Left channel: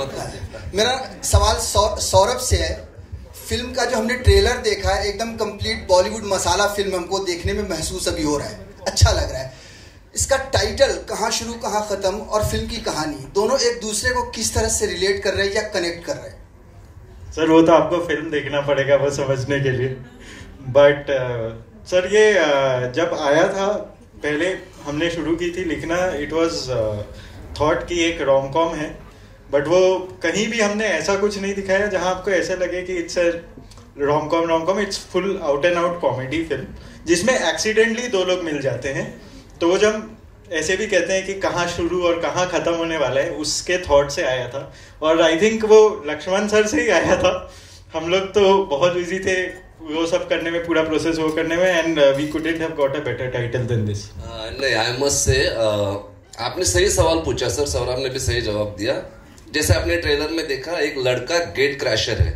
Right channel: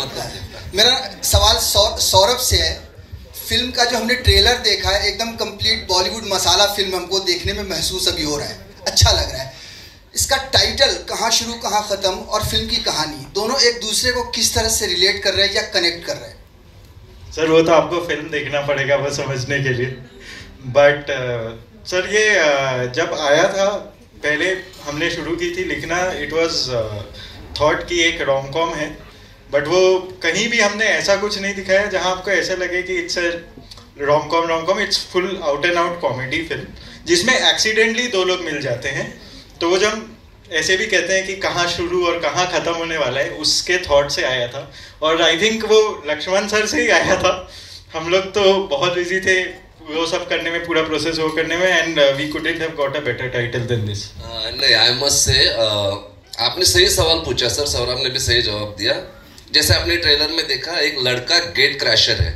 मत कर। मेरा सवाल सौरभ से है। फिल्म का जो हमने ट्रेलर देखा है एकदम कंप्लीट बॉलीवुड मसाला फिल्म हमको देखने में महसूस अभी हो रहा है, अच्छा लग रहा है। इसका टाइटल कहाँ शुरू कहाँ ख़त्म और फिल्म की कहानी दोनों एक दूसरे को किस तरह से रिलेट कर रहे हैं या कनेक्ट कर रहे हैं? सर वो तो आपको फिल्म देखना पड़ेगा वो समझने के लिए। बट सर ये जब आया था पहले हमने शुरू की थी लिखना, इट वाज थॉट कि एक रोम कॉम है, बट वो कहीं भी हमने ऐसा कुछ नहीं दिखाया जहां आपको ऐसा लगे कि it's a rom com. It's full out and out comedy film जिसमें एक्सीडेंटली दो लोग मिल जाते हैं। तो वो जब ऐसे भी कहते हैं कि कहाँ शुरू और कहाँ खत्म होने वाला है, उसके थॉट से आया था। और आई थिंक वो लक्ष्मण सर से ही आया था। हम लोग तो बहुत बिजी थे वो सब करने में, पूरा प्रोसेस वो करने में, and we couldn't have got a better title than this. नहीं, आई मस्ट से आपने सही सवाल पूछा सर, सौरभ ने भी सही जवाब दिया। जैसे आपने ट्रेलर में देखा, एक लड़का गेट क्रैशर है,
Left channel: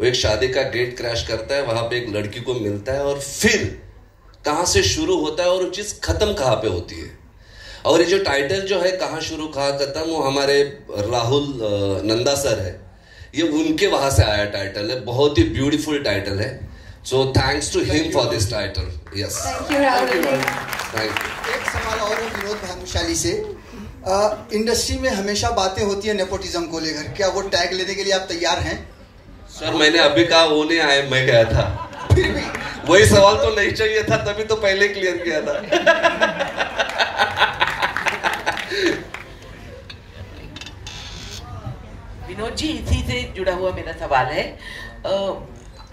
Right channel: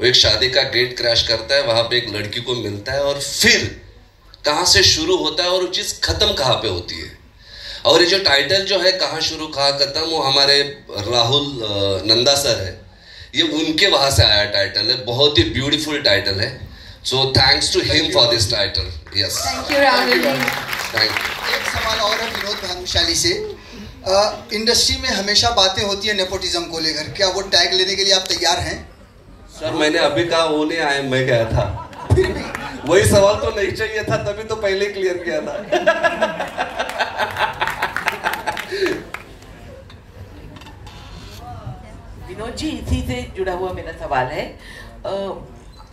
वो एक शादी का गेट क्रैश करता है, वहां पे एक लड़की को मिलता है और फिर कहाँ से शुरू होता है और वो चीज खत्म कहाँ पे होती है। और ये जो टाइटल जो है कहाँ शुरू कहाँ खत्म, वो हमारे राहुल नंदा सर है, ये उनके वहां से आया टाइटल है, बहुत ही ब्यूटीफुल टाइटल है। So thanks to him for this title. Yes, thank you Rahul. Thank you. एक सवाल और है विनोद भानुशाली से। इंडस्ट्री में हमेशा बातें होती है नेपोटिज्म को लेकर, क्या वो टैग लेने के लिए आप तैयार हैं? सर मैंने अभी कहा वो नहीं आए, मैं गया था। वही सवाल तो नहीं चाहिए था, तभी तो पहले क्लियर किया था। विनोद जी, इसी से जुड़ा हुआ मेरा सवाल है।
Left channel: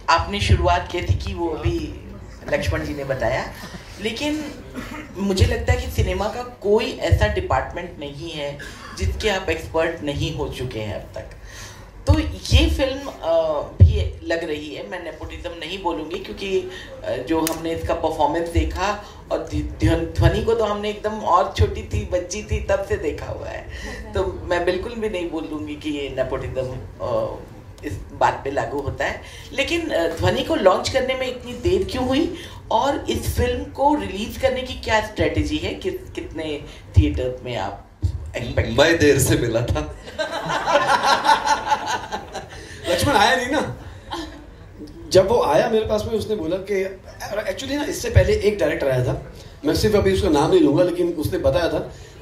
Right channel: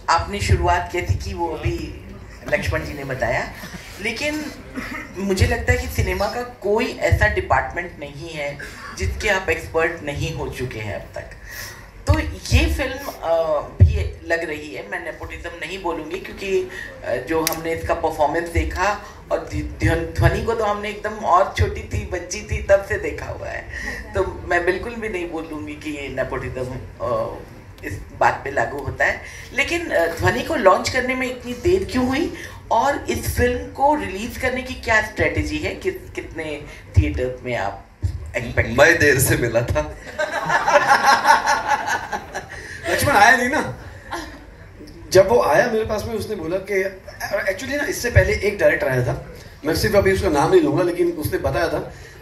आपने शुरुआत की थी कि वो अभी लक्ष्मण जी ने बताया, लेकिन मुझे लगता है कि सिनेमा का कोई ऐसा डिपार्टमेंट नहीं है जिसके आप एक्सपर्ट नहीं हो चुके हैं अब तक। तो ये फिल्म भी लग रही है, मैं नेपोटिज्म नहीं बोलूँगी क्योंकि जो हमने इसका परफॉर्मेंस देखा, और ध्वनि को तो हमने एकदम और छोटी थी, बच्ची थी, तब से देखा हुआ है, तो मैं बिल्कुल भी नहीं बोलूँगी कि ये नेपोटिज्म इस बात पे लागू होता है। लेकिन ध्वनि को लॉन्च करने में इतनी देर क्यों हुई, और इस फिल्म को रिलीज करने की क्या स्ट्रेटेजी है? कितने थिएटर में आप एक्सपेक्ट? मैं देर से मिला था। लक्ष्मण आया नहीं ना। जब वो आया मेरे पास में, उसने बोला कि एक्चुअली ना इससे पहले एक डायरेक्टर आया था, मैं सिर्फ अभी उसका नाम नहीं लूंगा, लेकिन उसने बताया था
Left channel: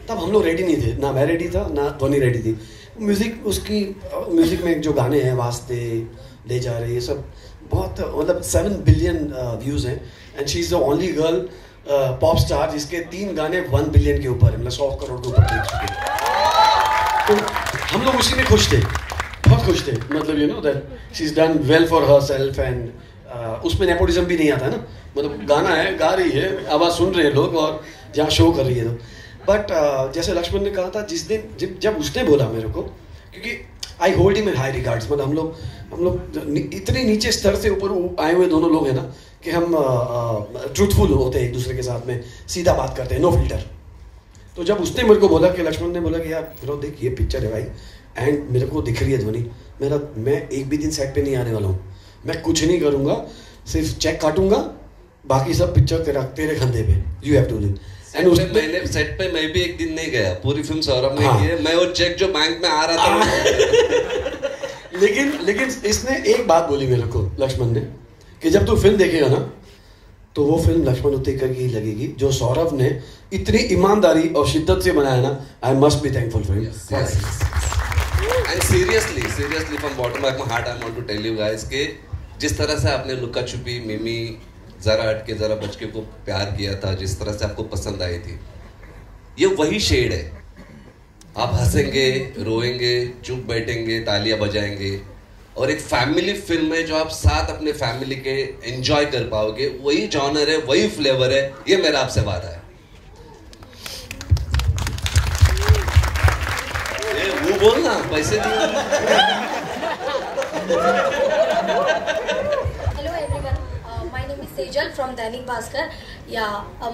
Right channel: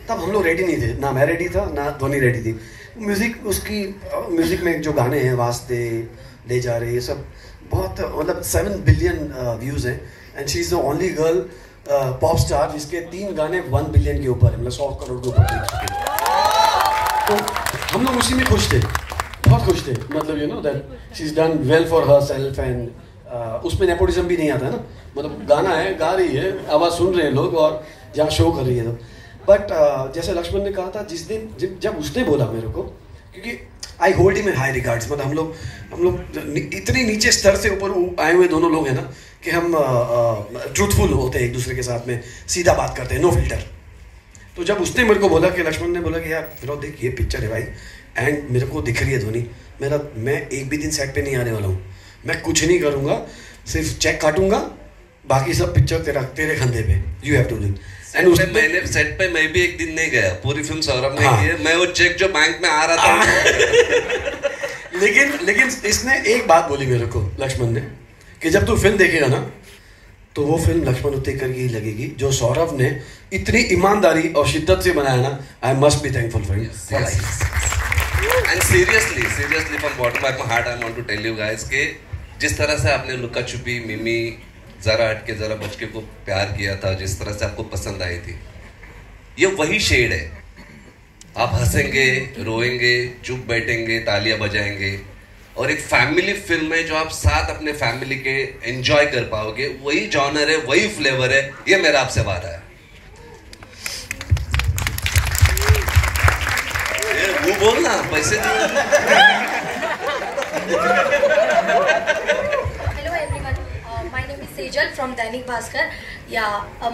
तब हम लोग रेडी नहीं थे, ना मैं रेडी था ना ध्वनि रेडी थी। म्यूजिक में जो गाने हैं, वास्ते, ले जा रहे, ये सब बहुत मतलब 7 बिलियन व्यूज हैं, and she is the only girl pop star जिसके 3 गाने 1 बिलियन के ऊपर, मतलब 100 करोड़ के ऊपर देख चुके। तो हम लोग उसी में खुश थे, बहुत खुश थे, मतलब you know that she is done well for herself, and उसमें नेपोटिज्म भी नहीं आता ना, मतलब गाना है, गा रही है, आवाज सुन रहे हैं लोग, और जहाँ शो कर रही है। तो बट जैसे लक्ष्मण ने कहा था, जिस दिन जब उसने बोला मेरे को, क्योंकि I hold him in high regards, मतलब हम लोग इतने नीचे स्तर से ऊपर आए हुए दोनों लोग हैं ना कि हम ट्रूथफुल होते हैं एक दूसरे के साथ में, सीधा बात करते हैं, नो फिल्टर। तो जब उसने मेरे को बोला कि लक्ष्मण ने बोला कि यार विनोद देख ये पिक्चर है भाई, एंड मेरे को दिख रही है ध्वनि, मैं एक भी दिन सेट पे नहीं आने वाला हूँ, मैं कुछ नहीं करूँगा, सिर्फ चेक काटूंगा, बाकी सब पिक्चर तेरे कंधे पे, you have to do. And मैंने सेट पे मैं भी एक दिन नहीं गया, पूरी फिल्म सौरभ ने की है, मैं वो चेक जो बैंक में आ रहा था। लेकिन इसने एक बात बोली मेरे को, लक्ष्मण ने, कि जब तू फिल्म देखेगा ना तो वो फिल्म लक्ष्मण उत्तेकर की ही लगेगी, जो सौरभ ने इतनी ईमानदारी और शिद्दत से बनाया ना। I must be thankful for you. And seriously from bottom of my heart I want to tell you guys कि जिस तरह से आपने लुका छुपी, मिमी, जरा हटके जरा बचके को प्यार किया था, जिस तरह से आपको पसंद आई थी, ये वही शेड है। आप हंसेंगे, रोएंगे, चुप बैठेंगे, तालियां बजाएंगे, और एक फैमिली फिल्म है जो आप साथ अपने फैमिली के एंजॉय कर पाओगे, वही जॉनर है, वही फ्लेवर है, ये मेरा आपसे वादा है। वो बोलना पैसे Sejal from Dainik Bhaskar.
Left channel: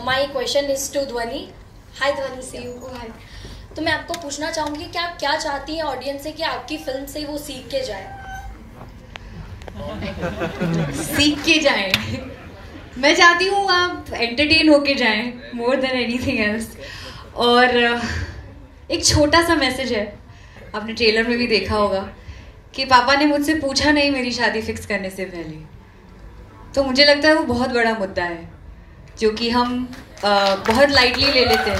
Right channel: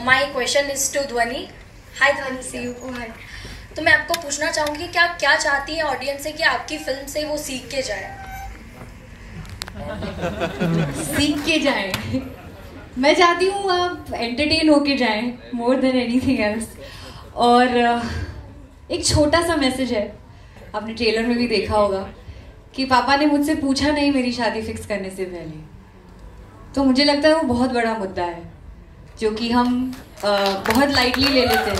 My question is to Dhwani. Hi Dhwani, see you. Go ahead. तो मैं आपको पूछना चाहूंगी कि आप क्या चाहती हैं ऑडियंस से कि आपकी फिल्म से वो सीख के जाए? सीख के जाए, मैं चाहती हूँ आप एंटरटेन होके जाएं मोर देन एनीथिंग एल्स। और एक छोटा सा मैसेज है आपने ट्रेलर में भी देखा होगा कि पापा ने मुझसे पूछा नहीं मेरी शादी फिक्स करने से पहले। तो मुझे लगता है वो बहुत बड़ा मुद्दा है जो कि हम बहुत लाइटली ले लेते हैं।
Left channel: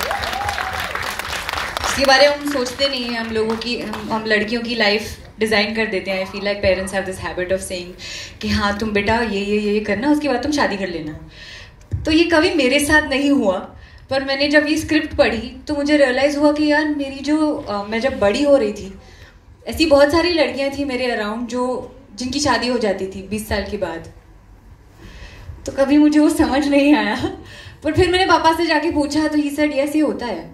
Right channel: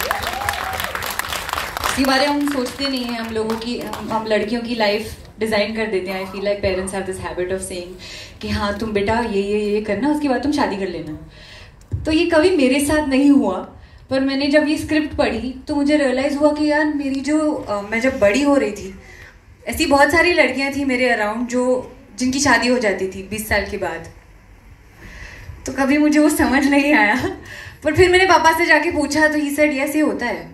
इसके बारे में हम सोचते नहीं हैं। हम लोगों की हम लड़कियों की लाइफ डिज़ाइन कर देते हैं। I feel like parents have this habit of saying कि हाँ तुम बेटा ये करना, उसके बाद तुम शादी कर लेना। तो ये कभी मेरे साथ नहीं हुआ, पर मैंने जब ये स्क्रिप्ट पढ़ी तो मुझे रियलाइज़ हुआ कि यार मेरी जो मैं जब बड़ी हो रही थी, ऐसी बहुत सारी लड़कियां थी मेरे अराउंड जिनकी शादी हो जाती थी 20 साल के बाद। तो कभी मुझे वो समझ नहीं आया, पर फिर मैंने पापा से जाके पूछा तो ही सेड यस, ये होता है।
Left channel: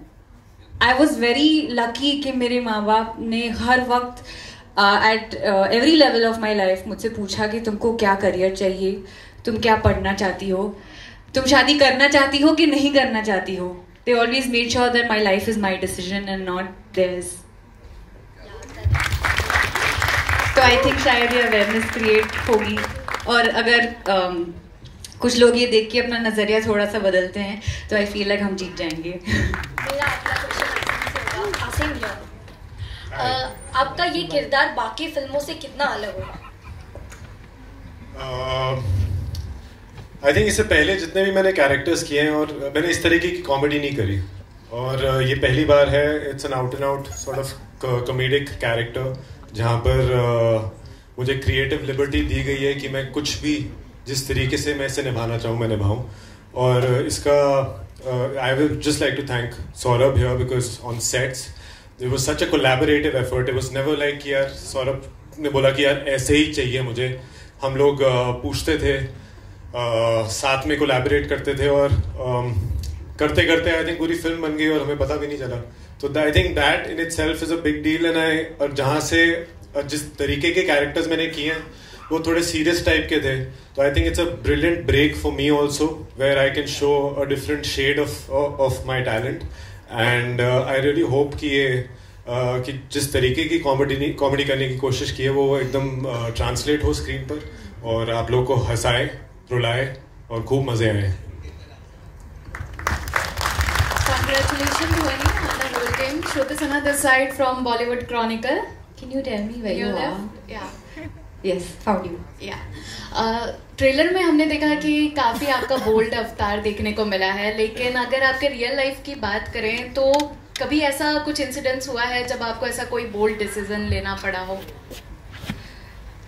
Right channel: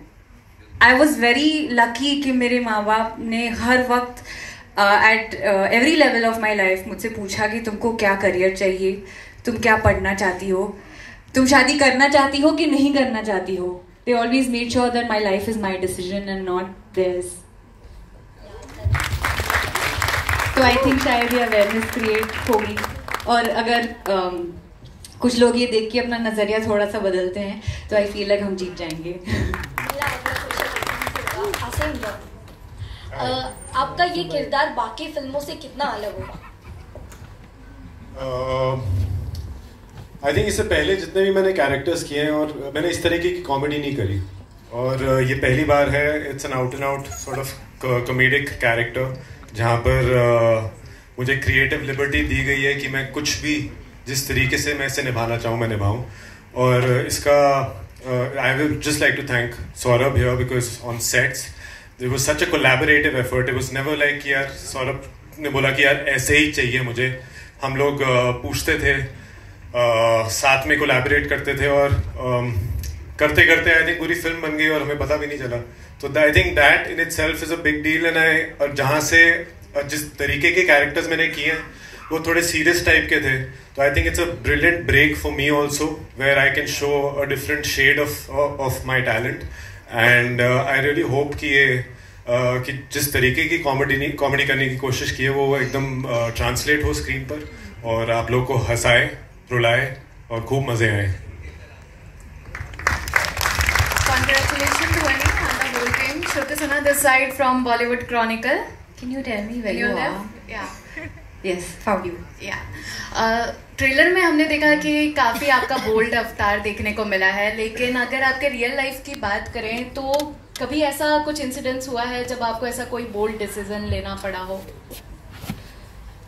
आई वॉज वेरी लकी कि मेरे माँ बाप ने हर वक्त at every level of my life मुझसे पूछा कि तुमको क्या करियर चाहिए, तुम क्या पढ़ना चाहती हो, तुम शादी करना चाहती हो कि नहीं करना चाहती हो। They always made sure that my life is my decision and not theirs. तो आई थिंक शायद ये अवेयरनेस क्रिएट होगी, और अगर कुछ लोग ये देख के अपना नजरिया थोड़ा सा बदलते हैं तो आई फील लाइक हम जीत जाएंगे। आपका ये किरदार बाकी फिल्मों से कितना अलग होगा? आई थिंक इससे पहले जितने भी मैंने कैरेक्टर्स किए हैं और मैंने इस तरीके की कॉमेडी नहीं करी, और ये पहली बार है। It's an out and out sort of comedic character जहाँ पर मुझे क्रिएटिव लिबर्टी दी गई है कि मैं कुछ भी जिस तरीके से मैं इसे निभाना चाहूँ मैं निभाऊँ। और इसका I will just like to thank Saurabh here because on sets there was such a collaborative effort. It was never like कि यार सौरभ ने बोला कि यार ऐसे ही चाहिए मुझे। हम लोग पूछते थे, साथ में कोलैबोरेट करते थे, और करते करते आई थिंक पूरी फिल्म बन गई और हमें पता भी नहीं चला। तो I think that in itself is a big deal. And और जहाँ से जिस तरीके के कैरेक्टर्स मैंने किए हैं वो थोड़े सीरियस टाइप के थे, तो I think it's a brilliant break for me also where I can show a different shade of my talent. And I really hope कि ये कि जिस तरीके की कॉमेडी करने की कोशिश की है वो एकदम ट्रांसलेट हो स्क्रीन पर और आप लोग को हंसाए, रुलाए और खूब मजे आए। Congratulations Dhwani and the whole team. Shruti Sinha this side from Bollywood Chronicle. Can you tell me where you are? Yeah. Yes, found you. Yeah. Trailer में हमने देखा कि काफी आपका बोल्ड अवतार देखने को मिला है, लेकिन अगर आपके रियल लाइफ की बात करें तो कभी ऐसा कुछ इंसिडेंट्स हुआ है जब आपको ऐसा कोई बोल्ड डिसीजन लेना पड़ा हो?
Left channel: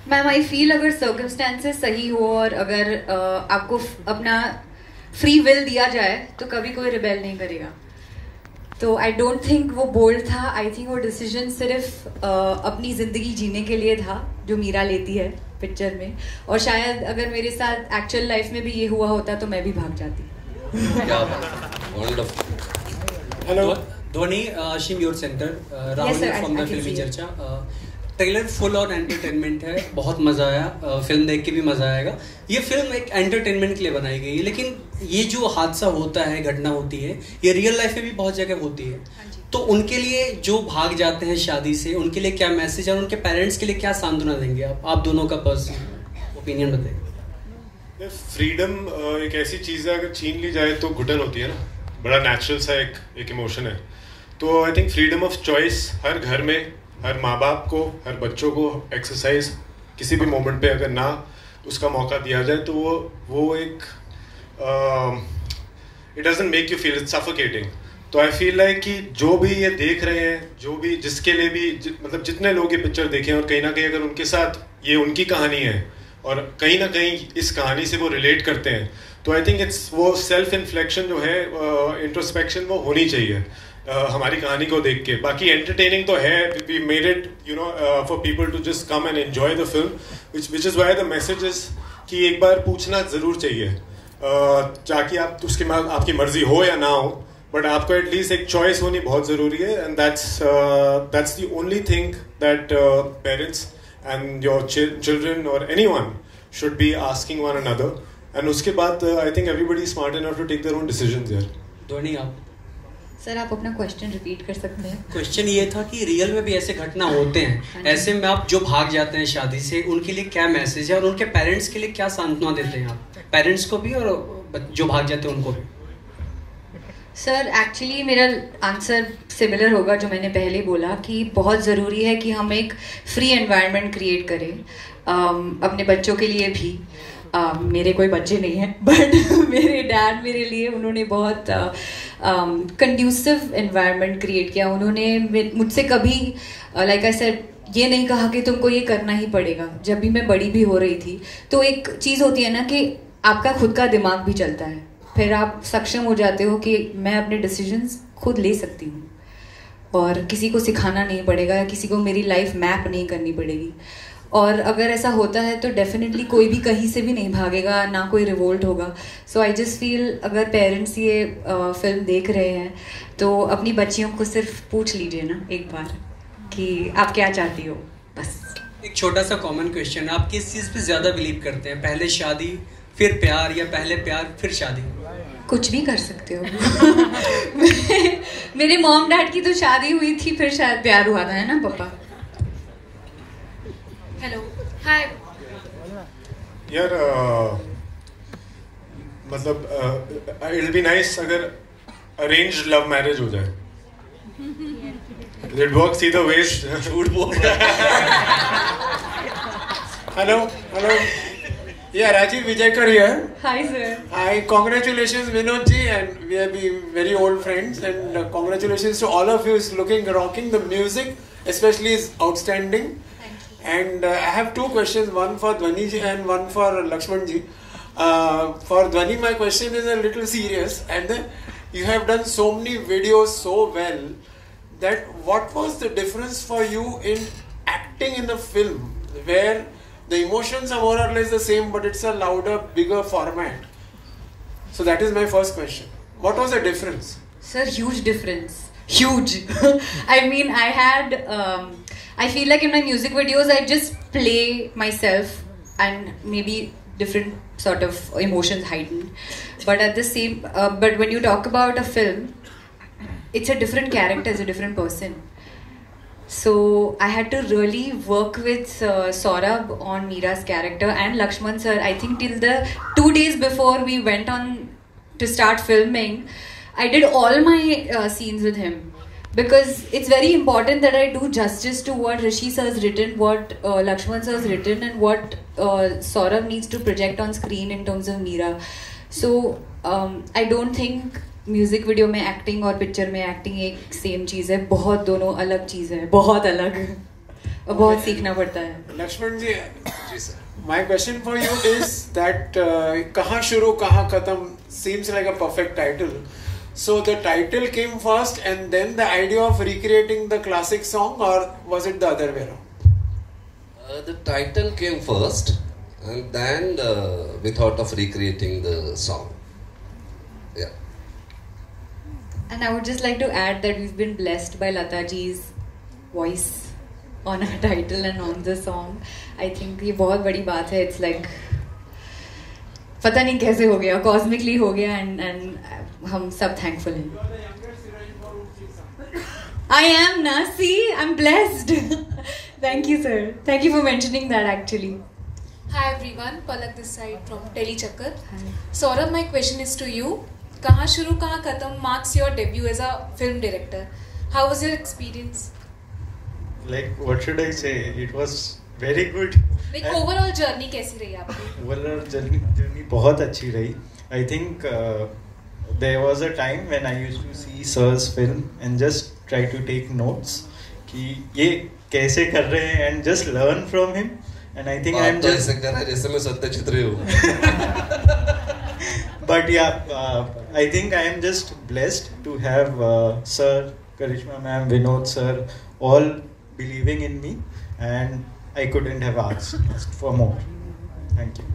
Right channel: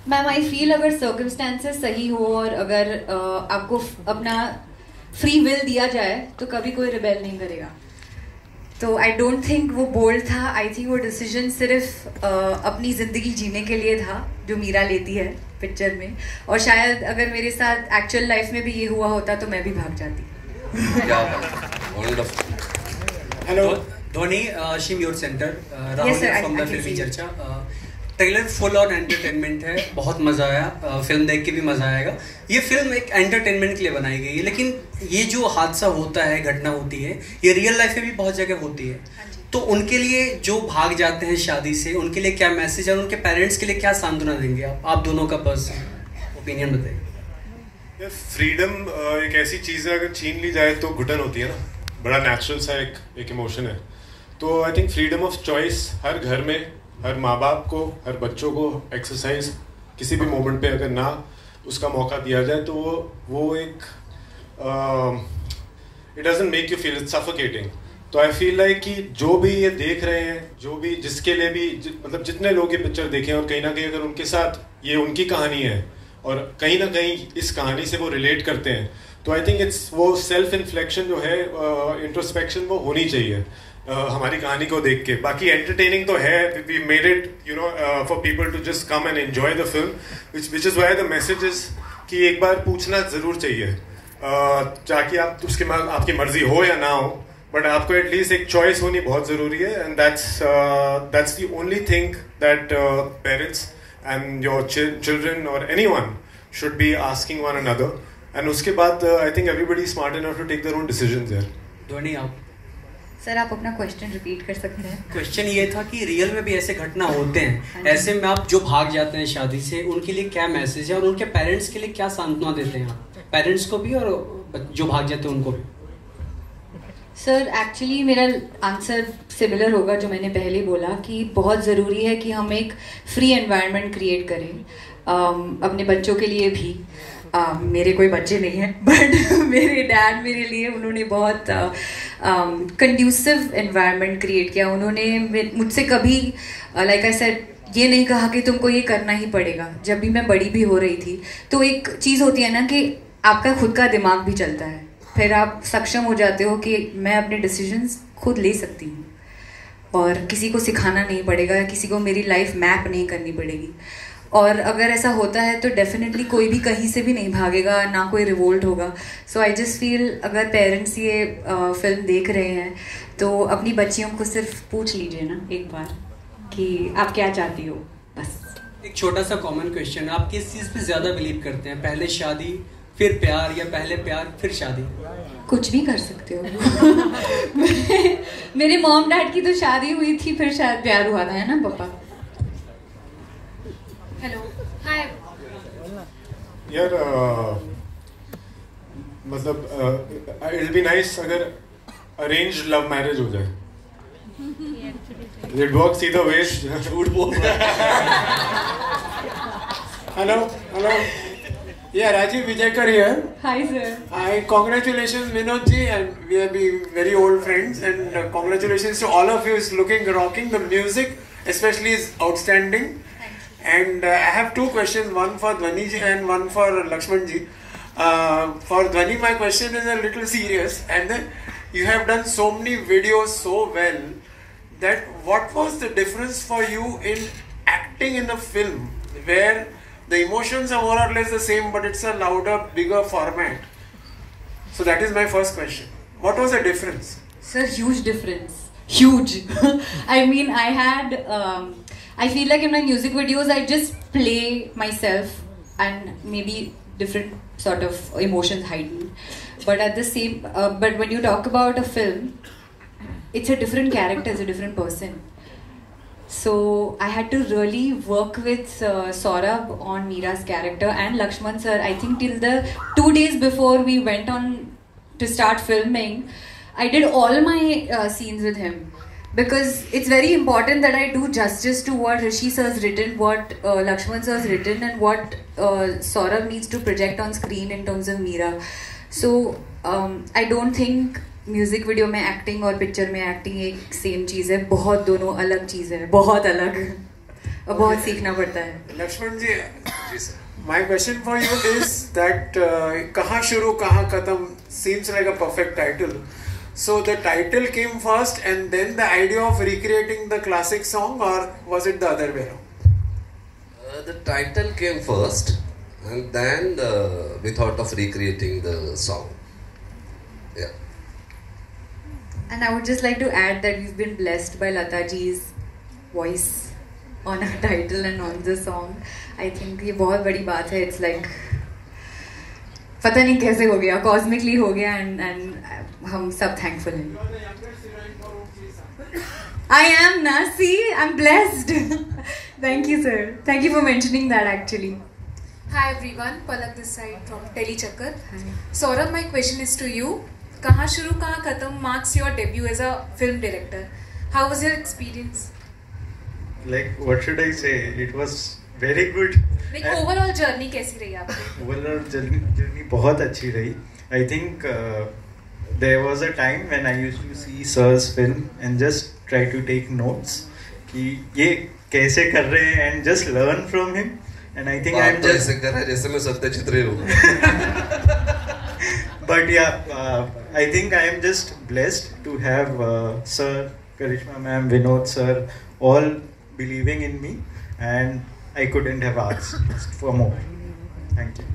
मैम आई फील अगर सर्कमस्टेंसेस सही हो और अगर आपको अपना फ्री विल दिया जाए तो कभी कोई रिबेल नहीं करेगा। तो आई डोंट थिंक वो बोल्ड था। आई थिंक वो डिसीजन सिर्फ अपनी जिंदगी जीने के लिए था जो मीरा लेती है पिक्चर में, और शायद अगर मेरे साथ एक्चुअल लाइफ में भी ये हुआ होता तो मैं भी भाग जाती। हेलो धोनी, शिम your centre, Rahul from the Filmy Charcha. Trailer full on entertainment है, बहुत मजा आया, फिल्म देख के भी मजा आएगा। ये फिल्म एक एंटरटेनमेंट के लिए बनाई गई है, लेकिन ये जो हादसा होता है, घटना होती है, ये रियल लाइफ में भी बहुत जगह होती है। तो उनके लिए जो भाग जाते हैं शादी से, उनके लिए क्या मैसेज और उनके पेरेंट्स के लिए क्या सांत्वना देंगे आप दोनों का पर्सनल ओपिनियन बताइए। फ्रीडम एक ऐसी चीज है, अगर छीन ली जाए तो घुटन होती है ना, बड़ा नेचुरल सा एक इमोशन है। तो I think freedom of choice हर घर में, हर माँ बाप को, हर बच्चों को एक्सरसाइज किसी भी मोमेंट पे अगर ना उसका मौका दिया जाए तो वो एक it doesn't make you feel it's suffocating. तो आई फील लाइक कि जो भी ये देख रहे हैं, जो भी जिसके लिए भी मतलब जितने लोग ये पिक्चर देखें और कहीं ना कहीं अगर उनके साथ ये उनकी कहानी है और कहीं ना कहीं इस कहानी से वो रिलेट करते हैं, तो आई थिंक इट्स वो सेल्फ इन्फ्लेक्शन जो है, इंट्रोस्पेक्शन वो होनी चाहिए हमारी कहानी को देख के। बाकी एंटरटेनिंग तो है, we made it you know for people to just come and enjoy the film, which is why the message is कि एक बार पूछना जरूर चाहिए, ताकि आप उसके आपकी मर्जी हो या ना हो, बट आपको एटलीस्ट एक चॉइस होनी बहुत जरूरी है। And that's the only thing that parents and your children और anyone should be asking one another. And उसके बाद I think everybody smart enough to take their own decisions there. Dhoni आप सर आप अपना क्वेश्चन रिपीट कर सकते हैं? Question ये था कि रियल में भी ऐसे घटना होते हैं, ऐसे में आप जो भाग जाते हैं शादी से, उनके लिए क्या मैसेज है और उनके पेरेंट्स के लिए क्या सांत्वना देते हैं आप, पेरेंट्स को भी और जो भाग जाते हैं उनको भी? सर एक्चुअली मेरा आंसर सिमिलर होगा जो मैंने पहले बोला कि बहुत ज़रूरी है कि हम एक फ्री एनवायरनमेंट क्रिएट करें अपने बच्चों के लिए भी। मेरे कोई बच्चे नहीं हैं बट मेरे डैड मेरे लिए उन्होंने बहुत कंड्यूसिव एनवायरनमेंट क्रिएट किया। उन्होंने मुझसे कभी लाइक आई सेड ये नहीं कहा कि तुमको ये करना ही पड़ेगा। जब भी मैं बड़ी भी हो रही थी तो एक चीज़ होती है ना कि आपका खुद का दिमाग भी चलता है, फिर आप सक्षम हो जाते हो कि मैं अपने डिसीजंस खुद ले सकती हूँ और किसी को सिखाना नहीं पड़ेगा या किसी को मेरी लाइफ मैप नहीं करनी पड़ेगी। और अगर ऐसा होता है तो डेफिनेटली कोई भी कहीं से भी नहीं भागेगा, ना कोई रिवोल्ट होगा। सो आई जस्ट फील अगर पेरेंट्स ये फिल्म देख रहे हैं तो अपनी बच्चियों को सिर्फ पूछ लीजिए ना एक बार कि आप क्या चाहती हो, बस। एक छोटा सा कॉमन क्वेश्चन, आप किस चीज़ पे ज़्यादा बिलीव करते हैं, पहले शादी फिर प्यार या पहले प्यार फिर शादी? कुछ भी कर सकते हो मेरे मॉम डैड की तो शादी हुई थी फिर शायद प्यार हुआ था, है ना पापा? हेलो हाय यार मतलब इट विल बी नाइस अगर अरेंज्ड लव मैरिज हो जाए। It works either ways। झूठ बोल रहा है। Hello Yeah, Rajiv Vijayakar here. Hi sir. Hi, congratulations Vinod ji, and we have been very old friends, and congratulations to all of you. Is looking rocking. The music especially is outstanding. And I have two questions, one for Dhwani ji and one for Lakshman ji. For Dhwani, my question is a little serious, and you have done so many videos so well that what was the difference for you in acting in the film where the emotions are more or less the same, but it's a louder, bigger format? So that is my first question. What was the difference? Sir, huge difference. Huge. I mean, I had, I feel like in my music videos, I just play myself and maybe different sort of emotions heightened. But at the same, but when you talk about a film, it's a different character, it's a different person. So I had to really work with Saurabh on Meera's character and Lakshman sir. I think till the 2 days before we went on to start filming, I did all my scenes with him because it's very important that I do justice to what Rishi sir has written, what Lakshman sir has written, and what Saurabh needs to project on screen in terms of Meera. So I don't think music video में acting और picture में acting एक same चीज है, बहुत दोनों अलग चीज है, बहुत अलग और बहुत सीखना पड़ता है। लक्ष्मण जी, my question for you is that कहाँ शुरू कहाँ खत्म seems like a perfect title. So the title came first and then the idea of recreating the classic song, or was it the other way around? The title came first and then we thought of recreating the song. Yeah. And I would just like to add that we've been blessed by Lata ji's voice on our title and on the song. I think ये बहुत बड़ी बात है. It's like पता नहीं कैसे हो गया, cosmically हो गया, and हम सब thankful हैं. I am na, see, I'm blessed. Thank you sir. Thank you for mentioning that actually. Hi everyone, Palak this side from Delhi Chakkar. Saurabh, my question is to you. कहाँ शुरू कहाँ खत्म marks your debut as a film director. How was your experience? Like what should I say? It was very good. Like overall journey कैसी रही आपकी? Overall journey बहुत अच्छी रही. I think there was a time when I used to see sir's film and just try to take notes कि ये कैसे कर रहे हैं and just learn from him. And I think I'm just ऐसे कर रहे जैसे मैं सत्यजित रे हूँ. But yeah, I think I am just blessed to have Sir, Karishma ma'am, Vinod sir, all believing in me, and I couldn't have asked for more. Thank you.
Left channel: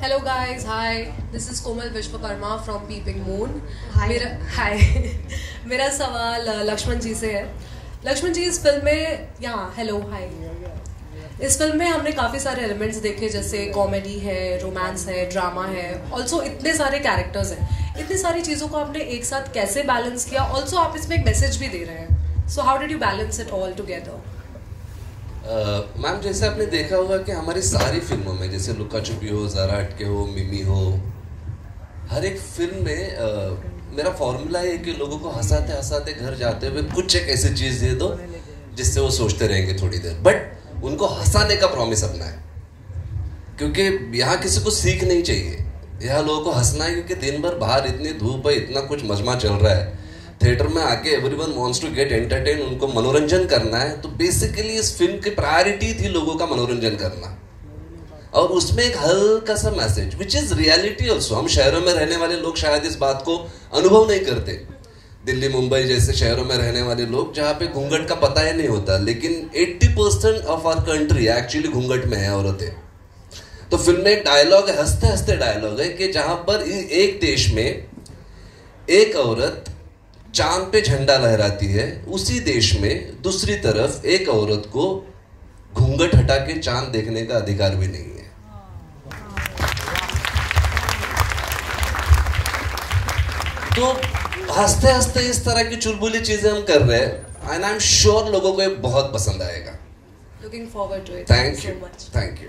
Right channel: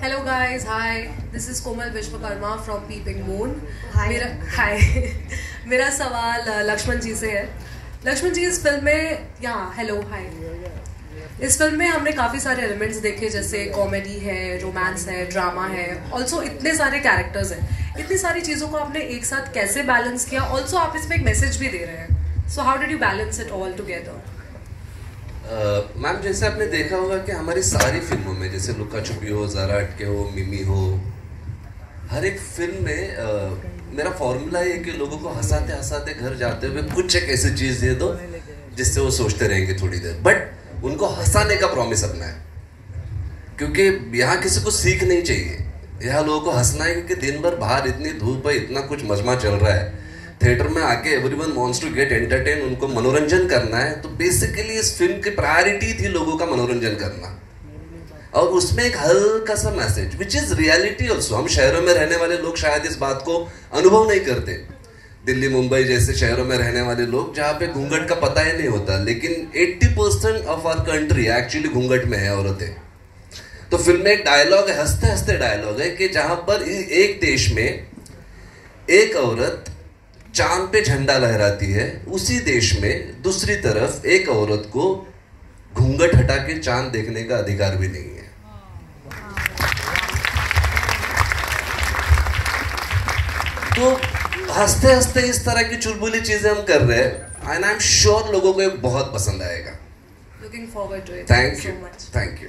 Hello guys, hi. This is Komal Vishwakarma from Peeping Moon. Hi. मेरा सवाल लक्ष्मण जी से है. लक्ष्मण जी, इस film में hello hi. इस film में हमने काफी सारे एलिमेंट्स देखे, जैसे कॉमेडी है, रोमांस है, ड्रामा है, ऑल्सो इतने सारे कैरेक्टर्स हैं. इतनी सारी चीजों को आपने एक साथ कैसे बैलेंस किया? ऑल्सो आप इसमें एक मैसेज भी दे रहे हैं. So how did you balance it all together? Ma'am, जैसे आपने देखा होगा कि हमारी सारी फिल्मों में, जैसे लुका छुपी हो, ज़रा हटके हो, मिमी हो, हर एक फिल्म में मेरा फॉर्मूला है कि लोगों को हंसाते हंसाते घर जाते हुए कुछ एक ऐसी चीज दे दो जिससे वो सोचते रहेंगे थोड़ी देर, बट उनको हंसाने का प्रॉमिस अपना है, क्योंकि यहाँ किसी को सीख नहीं चाहिए, यहाँ लोगों को हंसना है, क्योंकि दिन भर बाहर इतनी धूप है, इतना कुछ मजमा चल रहा है, थिएटर में आके everyone wants to get entertain, उनको मनोरंजन करना है। तो बेसिकली इस फिल्म की प्रायोरिटी थी लोगों का मनोरंजन करना, और उसमें एक हल्का सा message which is reality also. हम शहरों में रहने वाले लोग शायद इस बात को अनुभव नहीं करते, दिल्ली मुंबई जैसे शहरों में रहने वाले लोग जहाँ पे घूंघट का पता ही नहीं होता, लेकिन 80% ऑफ आवर कंट्री एक्चुअली घूंघट में है औरतें। तो फिल्म में एक डायलॉग है, हंसते हंसते डायलॉग है, कि जहां पर एक देश में एक औरत चांद पे झंडा लहराती है, उसी देश में दूसरी तरफ एक औरत को घूंघट हटा के चांद देखने का अधिकार भी नहीं है। तो हंसते हंसते इस तरह की चुलबुली चीजें हम कर रहे हैं, एंड आई एम श्योर लोगों को ये बहुत पसंद आएगा। Looking forward to it. Thank you, thank you.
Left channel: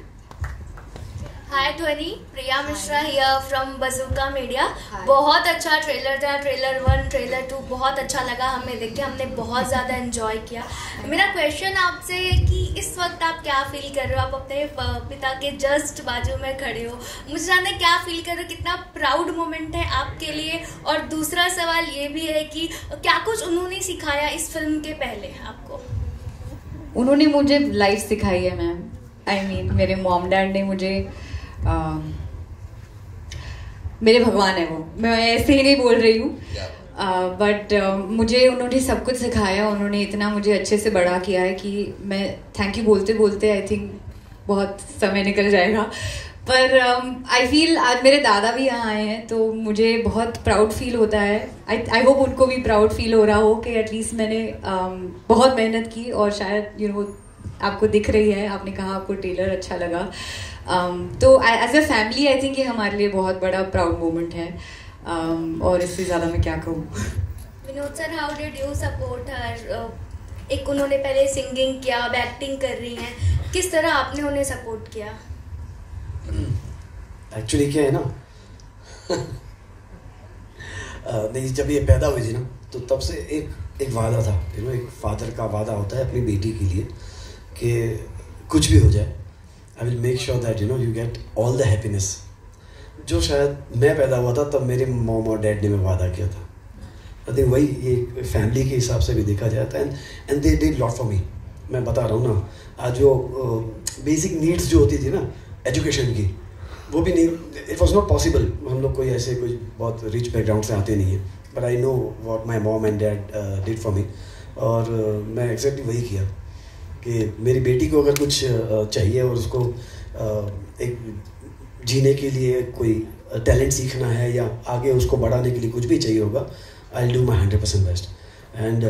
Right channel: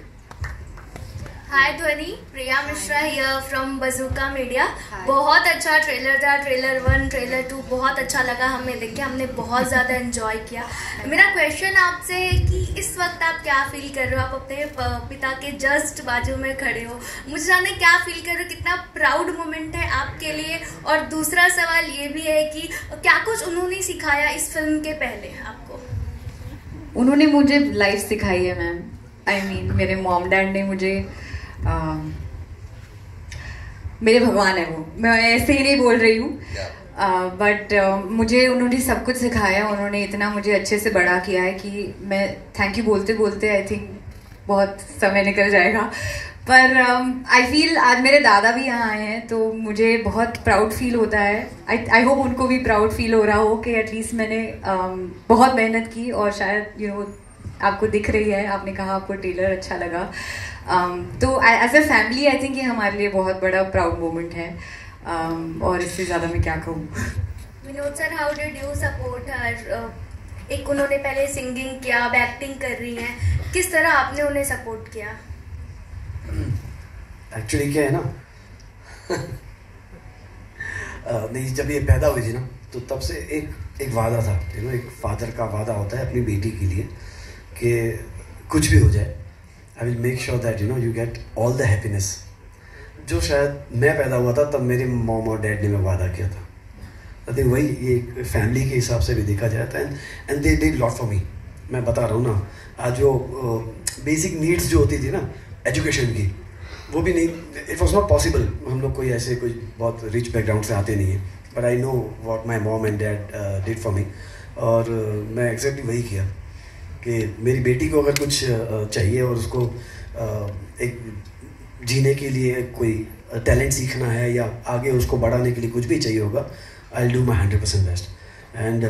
Hi Dhwani, Priya Mishra here from Bazooka Media. बहुत अच्छा ट्रेलर था, ट्रेलर 1, ट्रेलर 2 बहुत अच्छा लगा हमें देख के, हमने बहुत ज़्यादा एंजॉय किया। मेरा क्वेश्चन आपसे है कि इस वक्त आप क्या फील कर रहे हो? आप अपने पिता के जस्ट बाजू में खड़े हो, मुझे जानना क्या फील कर रहे हो, कितना प्राउड मोमेंट है आपके लिए? और दूसरा सवाल ये भी है कि क्या कुछ उन्होंने सिखाया इस फिल्म के पहले आपको? उन्होंने मुझे लाइफ सिखाई है मैम। आई मीन मेरे मॉम डैड ने मुझे मेरे भगवान है वो, मैं ऐसे ही नहीं बोल रही हूँ, बट मुझे उन्होंने सब कुछ सिखाया। उन्होंने इतना मुझे अच्छे से बड़ा किया है कि मैं थैंक यू बोलते बोलते आई थिंक बहुत समय निकल जाएगा। पर आई फील आज मेरे दादा भी यहाँ आए हैं तो मुझे बहुत प्राउड फील होता है। आई होप उनको भी प्राउड फील हो रहा हो कि एटलीस्ट मैंने बहुत मेहनत की, और शायद यू नो आपको दिख रही है, आपने कहा आपको ट्रेलर अच्छा लगा। तो as a family I think ये हमारे लिए बहुत बड़ा प्राउड मोमेंट है, और इससे ज़्यादा मैं क्या कहूँ। Vinod sir, how did you support her? एक उन्होंने पहले सिंगिंग किया, अब एक्टिंग कर रही हैं, किस तरह आपने उन्हें सपोर्ट किया? एक्चुअली क्या है ना नहीं, जब ये पैदा हुई थी ना तो तब से एक वादा था, यू नो, एक फादर का वादा होता है अपनी बेटी के लिए कि कुछ भी हो जाए, I will make sure that you know you get all the happiness. जो शायद मैं पैदा हुआ था तब मेरे मॉम और डैड ने मैं वादा किया था। आई थिंक वही ये फैमिली के हिसाब से भी देखा जाता है, and they did lot for me. मैं बता रहा हूँ ना, आज जो बेसिक नीड्स जो होती थी ना एजुकेशन की, वो भी नहीं, इट वॉज नॉट पॉसिबल। हम लोग कोई ऐसे कोई बहुत रिच बैकग्राउंड से आते नहीं है, but I know what my mom and dad did for me, और मैं एग्जैक्टली वही किया कि मेरी बेटी को अगर कुछ चाहिए और उसको एक जीने के लिए कोई टैलेंट सीखना है या आगे उसको बढ़ाने के लिए कुछ भी चाहिए होगा, I will do my 100% best. And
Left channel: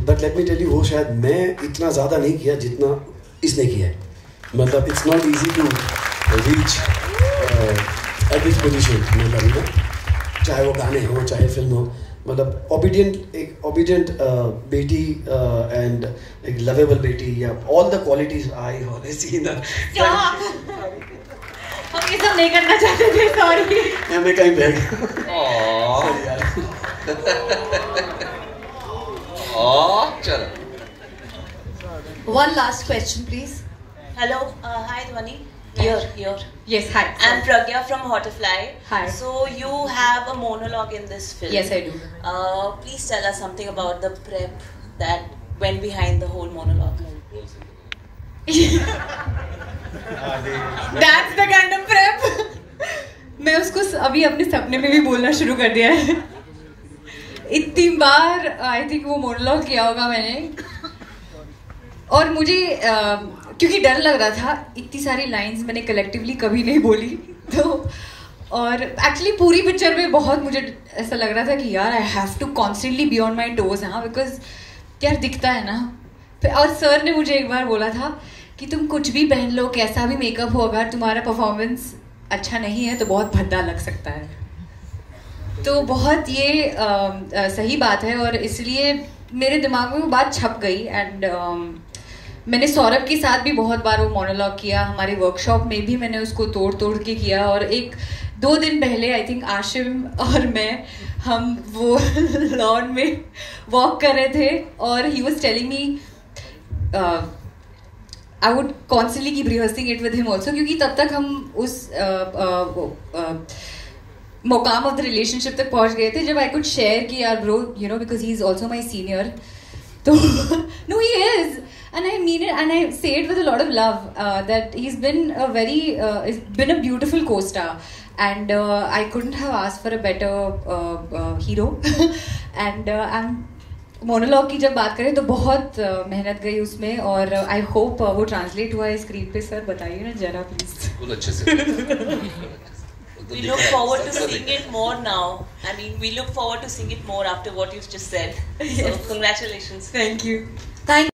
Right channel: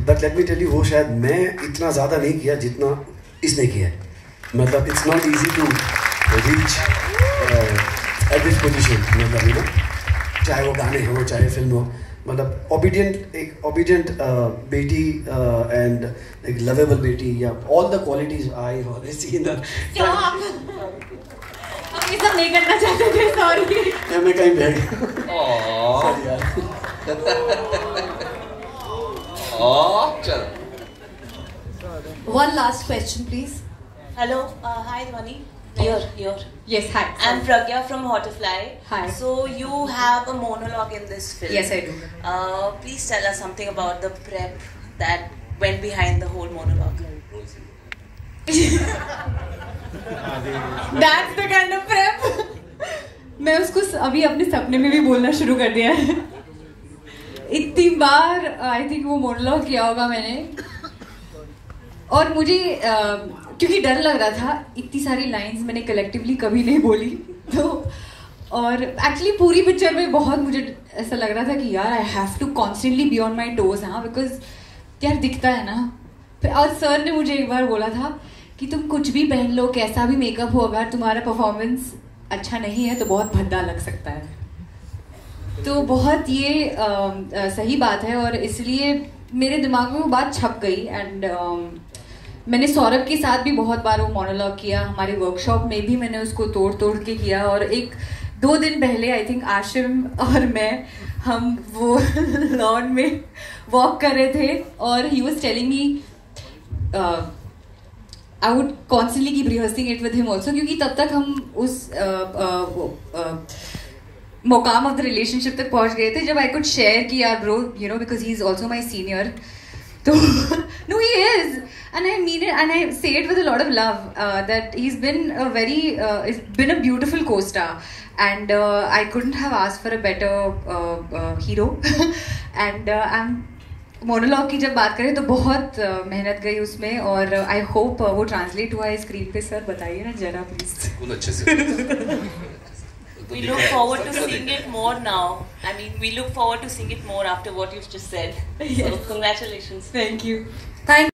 but let me tell you, वो शायद मैं इतना ज़्यादा नहीं किया जितना इसने किया है। मतलब it's not easy to reach at this position, मतलब यू नो, चाहे वो गाने हो चाहे फिल्म हो, मतलब ओबीडियंट बेटी एंड एक लवेबल बेटी, या all the qualities I have seen that. हम ये सब नहीं करना चाहते थे, सॉरी। मैं कहीं बैठ चलो। One last question, please. Hello, hi Dhwani. Here. Yes, hi. I'm Pragya from Hotfly. Hi. So you have a monologue in this film. Yes, I do. Please tell us something about the prep that went behind the whole monologue. That's the kind of prep. मैं उसको अभी अपने सपने में भी बोलना शुरू कर दिया है। इतनी बार आई थिंक वो मोनोलॉग किया होगा मैंने, और मुझे क्योंकि डर लग रहा था, इतनी सारी लाइंस मैंने कलेक्टिवली कभी नहीं बोली, तो और एक्चुअली पूरी पिक्चर में बहुत मुझे ऐसा लग रहा था कि यार I have to constantly be on my toes. हाँ, बिकॉज यार दिखता है ना। और सर ने मुझे एक बार बोला था कि तुम कुछ भी पहन लो, कैसा भी मेकअप हो, अगर तुम्हारा परफॉर्मेंस अच्छा नहीं है तो बहुत भद्दा लग सकता है। तो बहुत ये सही बात है, और इसलिए मेरे दिमाग में वो बात छप गई। एंड मैंने सौरभ के साथ भी बहुत बार वो मोनोलॉग किया, हमारे वर्कशॉप में भी मैंने उसको तोड़ तोड़ के किया, और एक 2 दिन पहले आई थिंक आशिम और मैं हम वो लॉन में वॉक कर रहे थे और he was telling me I would constantly keep rehearsing it with him also, क्योंकि तब तक हम उस मुकाम ऑफ द रिलेशनशिप तक पहुंच गए थे जब आई कुड शेयर कि यार bro you know because he is also my senior, तो no he is and I mean it and I say it with a lot of love that he's been a very it's been a beautiful co-star and I couldn't have asked for a better hero and I'm monologue की जब बात करें तो बहुत मेहनत गई उसमें और आई होप वो ट्रांसलेट हुआ है स्क्रीन पे। सर बताइए ना जरा प्लीज। बहुत अच्छे से We look forward to seeing it more now. I mean, we look forward to seeing it more after what you've just said. So, congratulations. Thank you. Thank